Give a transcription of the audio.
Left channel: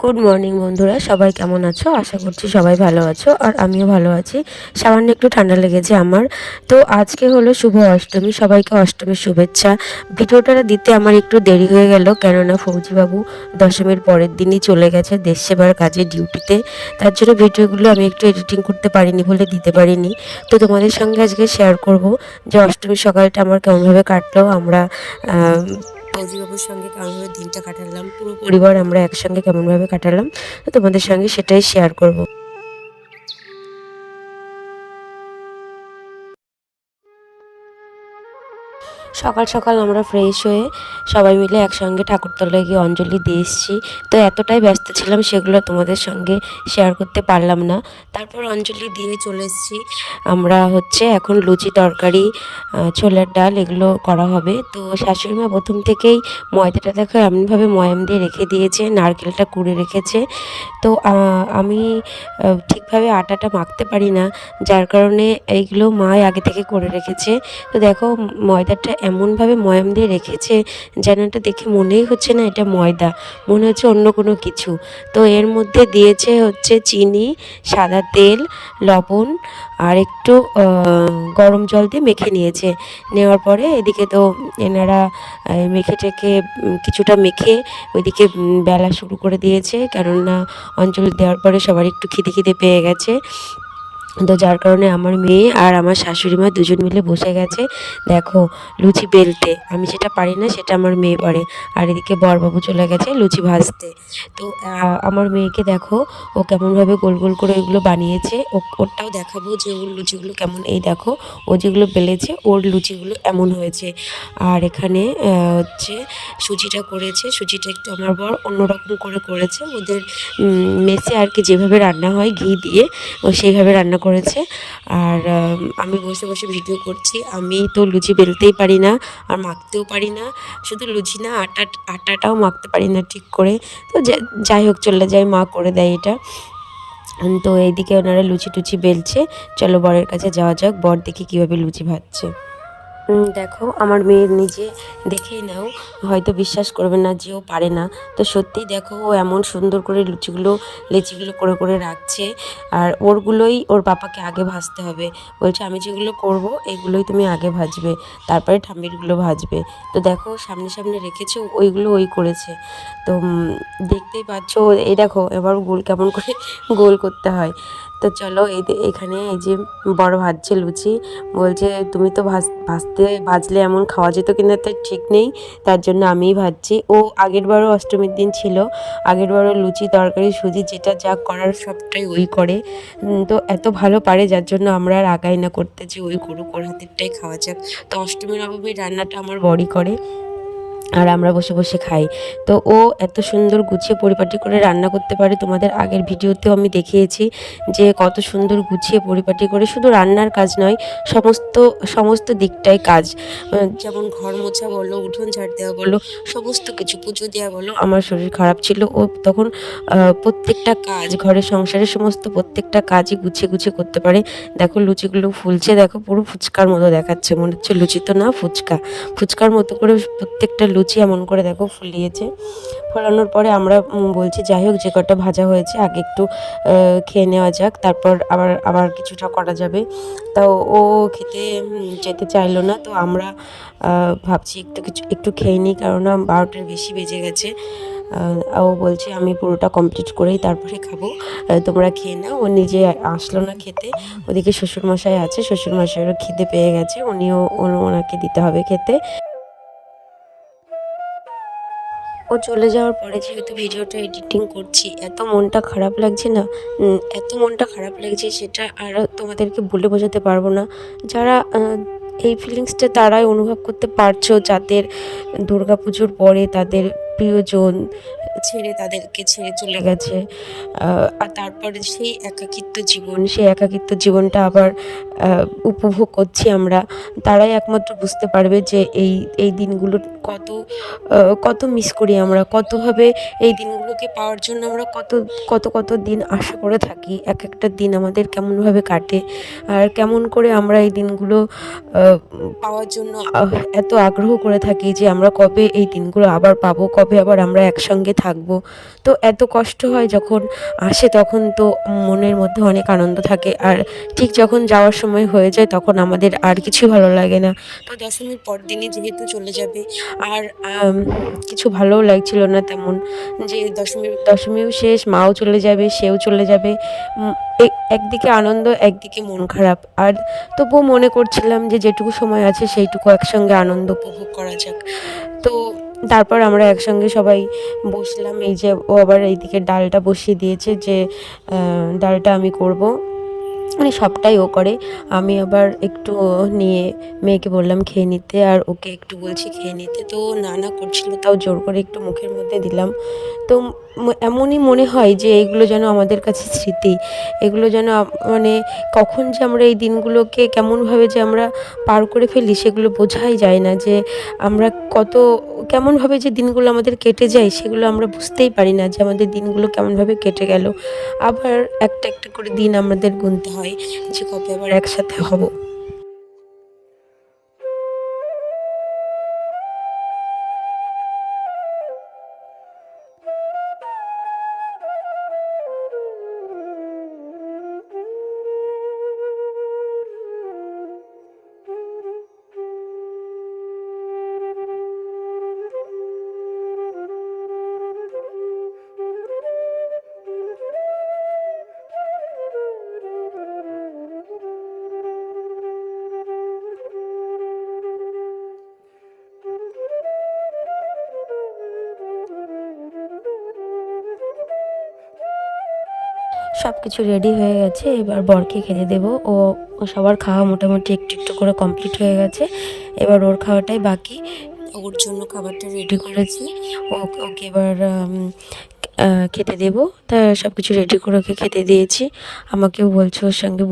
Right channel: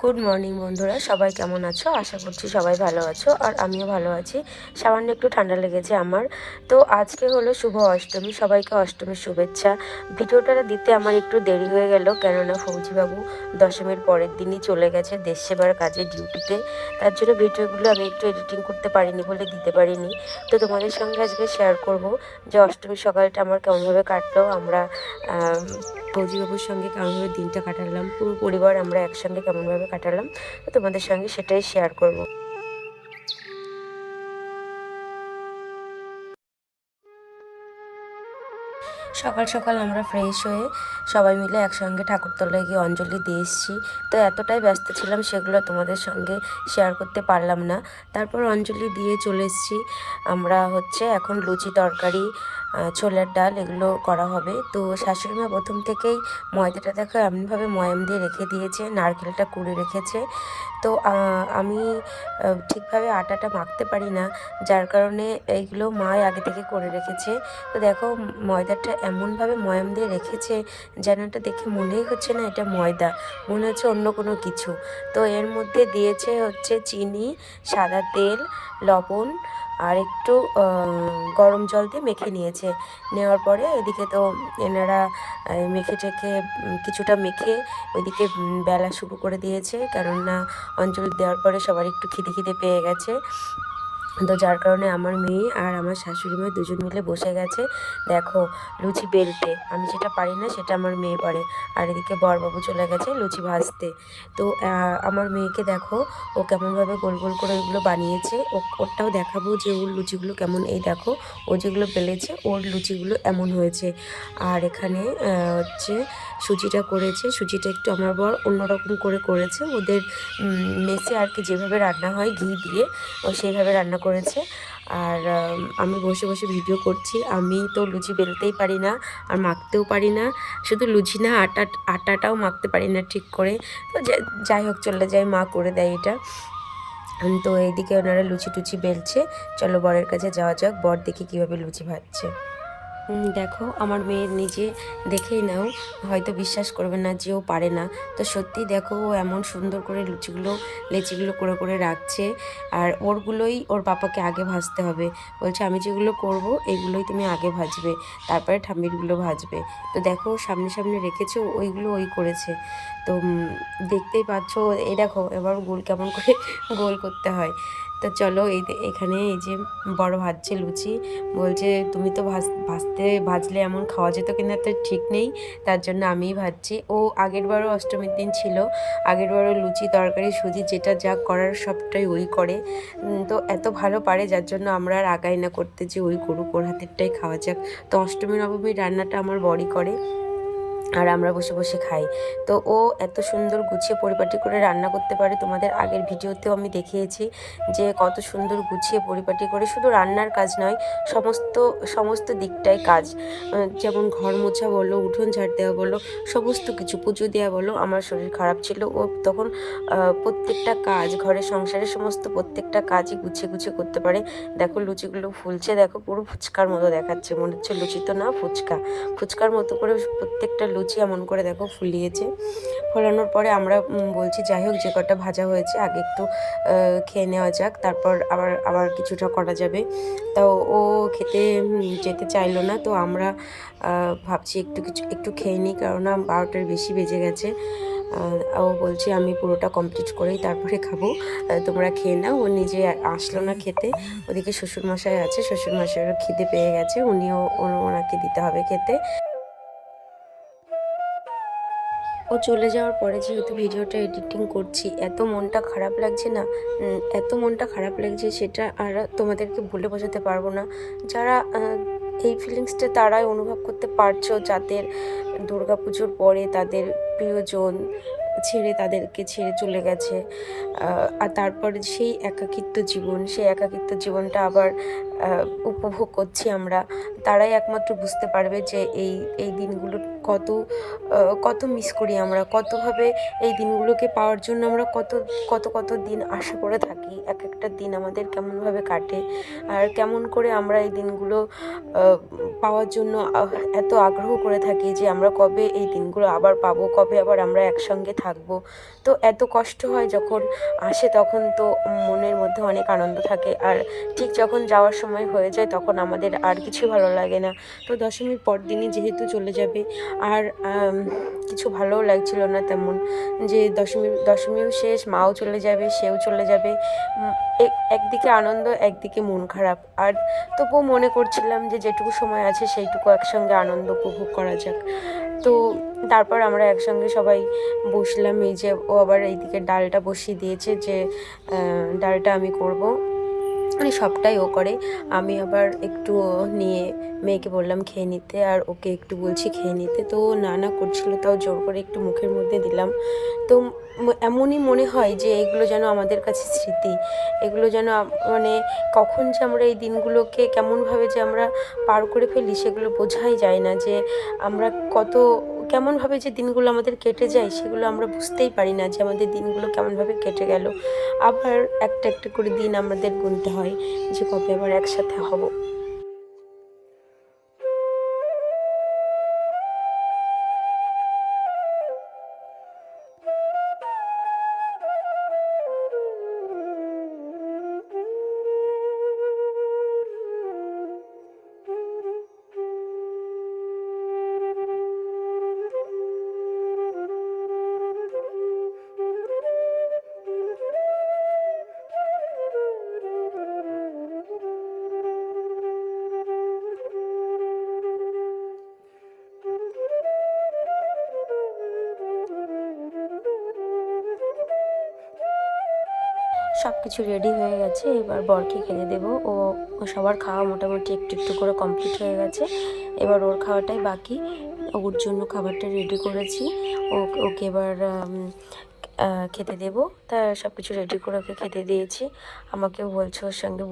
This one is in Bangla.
গুড মর্নিং বন্ধুরা, সবাই কেমন আছো? আশা করছি সবাই ভালো আছো আর আমিও ভালো আছি। সামান্য একটু ঠান্ডা লেগেছে আমার। তো আজকে হলো শুভ অষ্টমী, সবাইকে অষ্টমীর শুভেচ্ছা। ভিডিওটা দিতে আমার একটু দেরি হয়ে গেল, কেননা ফৌজিবাবু দশমীর পরের দিনই চলে গেছে দেশ সেবার কাজে ডিউটিতে। তার জন্য ভিডিওগুলো আমি একটু এডিটিং করতে পারিনি বলে দিতে পারিনি। তো তোমাদের সঙ্গে আজকে শেয়ার করব যে অষ্টমীর সকালটা আমার কেমনভাবে কাটলো। আমরা ফৌজিবাবুর সঙ্গে কেমনভাবে দিনটা কাটালাম, পুরো পরিবার আমরা একসঙ্গে কেমনভাবে কাটালাম, তো তোমাদের সঙ্গে সেটাই শেয়ার করব। সকাল সকাল আমরা ফ্রেশ হয়ে সবাই মিলে একসঙ্গে ঠাকুরতলায় গিয়ে অঞ্জলি দিয়ে এসেছি। তো এতটাই ব্যস্ত ছিলাম সেগুলো তোমাদের সঙ্গে শেয়ার করতে পারলাম না। তারপর অঞ্জলি দিয়ে চলে এসেছি। আমরা এখন লুচি তরকারি, ছোলার ডাল এগুলো করা হবে। তো শাশুড়ি মা প্রথম থেকেই ময়দাটা দেখো এমনভাবে ময়াম দিয়ে রেখে দিয়েছে, নারকেলটা কুড়ে রেখেছে। তো আমি ঠিকভাবে আটাটা মাখতে পারি না, যার কারণে এইগুলো মাই আগে থেকে করে রেখেছে। তো দেখো ময়দাটা এমনভাবে ময়াম দিয়ে রেখেছে যেন এটা দেখে মনেই হচ্ছে না এটা ময়দা, মনে হচ্ছে অন্য কোনো কিছু। তো এর মধ্যে দিয়েছে চিনি, সাদা তেল, লবণ আর একটু গরম জল দিয়ে মেখে নিয়েছে। নেওয়ার পরে এদিকে তো এনারা মেখে টেকে কিছুটা মেখে ওইদিকে বেলা শুরু করে দিয়েছে, কেননা অঞ্জলি দেওয়ার পরে সবার একটু খিদে খিদে পেয়ে গেছে। তো যার কারণে আমার মেয়ে আর আমার শাশুড়ি মা দুজন মিলে বসে গেছে দেখো লুচি বেলতে। আমি যেটা পারি না সেটা আমার মেয়ে পারে। আর এদিকে বরবাবু চলে গেছে লুচি ভাজতে। তো আমার মেয়েকে দেখো ও কেমনভাবে গোল গোল করে ওইগুলো বানিয়েছে। ওরটাও দেখাবো যে ওর লুচিগুলো কেমন। এই দেখো ও যেগুলো বেলেছে ওর লুচিগুলো এমন হয়েছে। আর এখানে সুজিটা করেছে। সুজিটা একটু আমার বর অন্যরকম করে করেছে, ওদের মেসে আর কি যেভাবে রান্না হয় ঘি দিয়ে, ও সেইভাবে রান্না করেছে। আর আমি বসে বসে ভিডিও করছি। আমি তো লুচি বেলতেই পারি না আর মাখতেও পারি না, শুধু লুচি না আটাটাও মাখতে পারি না ঠিক করে। তো যাই হোক চলে যাই, মা করে দেয় এটা। তো এইদিকে ওনারা লুচি টুচি বেলছে। চলো বরের কাছে যাওয়া যাক, বর দেখি কীভাবে লুচি ভাজছে। দেখো আমার মেয়ের নিজে দেখেই নাও, হয়তো বিশ্বাস করবে না যে ও পারে না। তো সত্যিই দেখো ও এমন সুন্দর করে লেচিগুলো করে করে রাখছে। আর ওরগুলোই ওর পাপাকে আগে ভাজতে হবে। বলছে আমি যেগুলো করব এগুলোই তুমি আগে ভাজবে, তারপরে ঠাম্মিরগুলো ভাজবে। তো দেখো সামনে সামনে রেখেছে, ওইগুলো ওই করেছে। তো দেখতেই পাচ্ছ এই দেখো এবার গোল কেমন করে গোল করতে হয়। তো চলো এখানে এই যে বড় ভাজছে লুচি। বলছে তুমি তো ভাজলে এমন খাওয়া যেত কিনা তার ঠিক নেই, তার জন্য আমিই ভাজছি। ও আগেরবারও অষ্টমীর দিন ছিল, আগেরবারও লুচি তরকারি সুজি যেটা যা করার সবটাই ওই করে। তো এত ভালো পারে যার জন্য আমরা আর আগাই না করতে যে ওই করুক, ওর হাতেরটাই খাওয়া যাক। তো অষ্টমী নবমীর রান্নাটা আমার বড়ই করে আর আমরা বসে বসে খাই। তো ও এত সুন্দর গুছিয়ে পরিপাটি করে রান্না করতে পারে। তোমাদের আগের ভিডিওতেও আমি দেখিয়েছি যে কত সুন্দর গুছিয়ে পরিপাটি করে, শুধু রান্নার কাজ নয়, সমস্ত সমস্ত দিকটাই কাজ। যেমন ঘর মোছা বলো, উঠোন ঝাড় দেওয়া বলো, সমস্ত কিছু, পুজো দেওয়া বলো। আমার শরীর খারাপ ছিল, ও তখন প্রত্যেকটা কাজ, ঘরের সংসারের সমস্ত প্রত্যেকটা কাজই গুছিয়ে গুছিয়ে করতে পারে। দেখো লুচিগুলো ফুলছে, দেখো পুরো ফুচকার মতো দেখাচ্ছে, মনে হচ্ছে লুচি তো না ফুচকা। ফুচকার মতো করে প্রত্যেকটা লুচি এমন করে দেখো ফুলিয়েছে। ফোলানোর পরে আমরা বলছি যাই হোক যে কটা ভাজা হয়েছে আগে একটু খেয়ে নেওয়া যাক, তারপর আবার আবার কিছুটা করা যাবে। তাও ও খেতে যেতে চাইলো না। তো আমরা ভাবছি একটু খেয়ে নিই, কেননা 12টার বেশি বেজে গেছে। ও বলছে আমি পুরোটা কমপ্লিট করেই তারপরে খাবো, তোমরা খেয়ে নাও। ও নিজে আসলো না খেতে। ওদিকে শ্বশুরমশাই আছে, শ্বশুরমশাইয়েরও খিদে পেয়ে গেছে, ওনাকে দিতে হবে খেতে। ও চলে যাওয়ার পরে যেহেতু ভিডিওটা এডিটিং করছি, এত মনটা খারাপ লাগছে না, এত মনটা খারাপ লাগছে সেটা আর তোমাদেরকে বলে বোঝাতে পারবো না। যারা এই ফিলিংসটা তারাই অনুভব করতে পারছো, যাদের দুর্গাপুজোর পরে তাদের প্রিয়জন তাদেরকে ছেড়ে চলে গেছে। আর তারপরে সেই একাকিত্ব জীবনটা আবার উপভোগ করছি আমরা। তারাই একমাত্র বুঝতে পারবে যে এই দিনগুলো কত কত মিস করি আমরা, কতভাবে এই দিনগুলোকে পাওয়ার জন্য আমরা কত কত কত দিন আশা করে থাকি। এক একটা দিন আমাদের কেমনভাবে কাটে আর কেমন করে আমরা এই দিনগুলো পাওয়ার জন্য এত আগ্রহ করে থাকি যে আমরা কবে এই দিনগুলো আবার পাবো, কবে আবার আমরা একসঙ্গে থাকবো। তো এত কষ্ট হয় যখন আসে, তখন তো মনের মধ্যে অনেক আনন্দ থাকে, আর ঠিক যখন যাওয়ার সময় হয়ে যায় তখন আমাদের আর কিছু ভালো লাগে না। তো দশমীর পরদিনই যেহেতু চলে যাবে, আর কিছু ভালোও লাগছিল না তেমন, যে দশমীও শেষ, মাও চলে যাবে, সেও চলে যাবে। উম একদিকে আনন্দ, একদিকে মন খারাপ। আর তবুও মনে করছিলাম যে যেটুকু সময় আছে সেইটুকু একসঙ্গে আনন্দ উপভোগ করা যাক। তো তারপর আমরা একসঙ্গে সবাই বসলাম। এই যে ও আবার এইদিকে ডালটা বসিয়ে দিয়েছে, যে ডালটা আমি করব, মানে সবটাই ও করে। আমি আবার একটু নিয়ে মেয়েকে বললাম খেয়ে নিতে, আর ওকে একটু বলছি খেয়ে নিতে। তো ও না না করছিল, তাও জোর করে একটু মুখের মধ্যে দিলাম। তো এমনই মনে হয় যে এগুলো যেন আমাদের কাছে স্মৃতি। এগুলো যেন মানে কখন যে আমরা এই দিনগুলোকে কেমনভাবে যে আমরা পার করে ফেলি সেগুলো বোঝাই যায় না, যে আমরা কত কেমনভাবে যে দিনগুলো আমাদের কেটে যায় সেগুলো আমরা বুঝতেই পারি না, যে আমাদের দিনগুলো কেমনভাবে কেটে গেল। আবার একটা একটা করে দিন আমাদের গুনতে হয় যে কবে আবার একসাথে হব। সব কিছু রেডি হয়ে গেছে, এবার বরকে খেতে দেবো। ও সবার খাওয়া মোটামুটি একটু একটু করে কমপ্লিট হয়ে গেছে, এবার ওর খাওয়াটাই বাকি। ওর জন্য খাবারটা রেডি করেছি, ওকে এবার খেতে দেবো। তা সব কিছু রেডি করে ওকে খেতে দিয়েছি। আমাকেও বলছে ওর সঙ্গে